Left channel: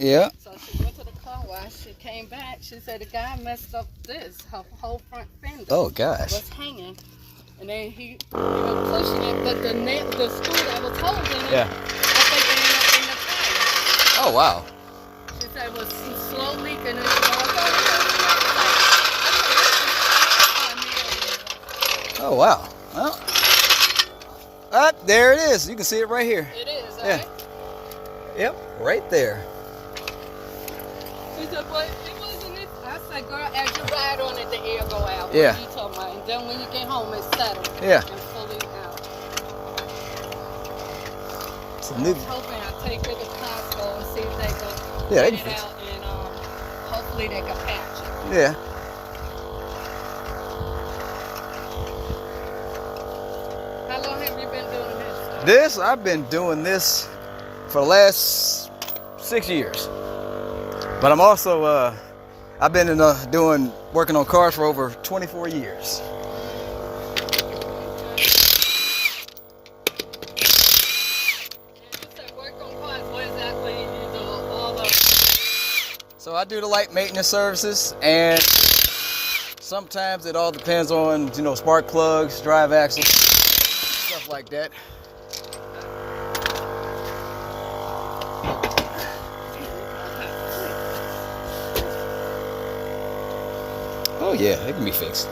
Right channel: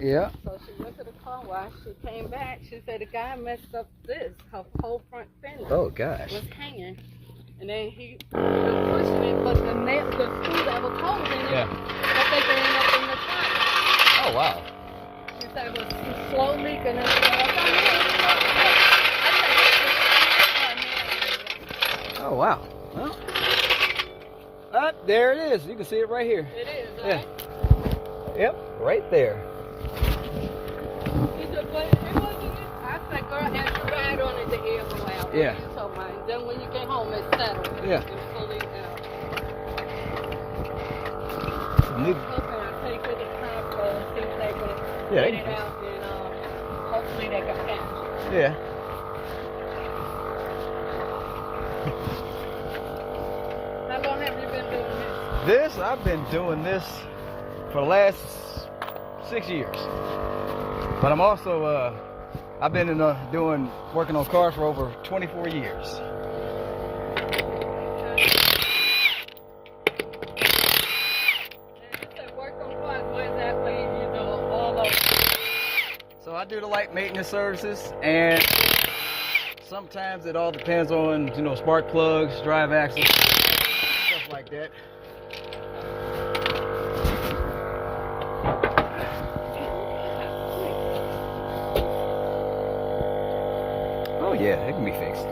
Yeah. So she went to the car wash. She came back. She said the guy messed up this. Her whole front fender was hanging. And then he was pushing it, but the screw that was holding it, I think they ended up in the tire. Oh, wow. She said it was slow leaking. And Oh, wow. Well, there it is. You can see it right here. it is, Yeah. right? Yep, right there. She said, but it wasn't it. I said, girl, as you ride on it, the air go out. Yeah. She told me, and then when you get home, it's settled. Yeah. And fully good. It's a new. I'm hoping I take her to Costco and see if they can Yeah, get they it can out, and hopefully they can patch it. Yeah. How long have you been doing This, I've been doing this for the last 6 years. But I'm also, I've been working on cars for over 24 years. So I do the light maintenance services, and sometimes it all depends on, spark plugs, drive axles, stuff like that. Oh yeah, it can be fixed.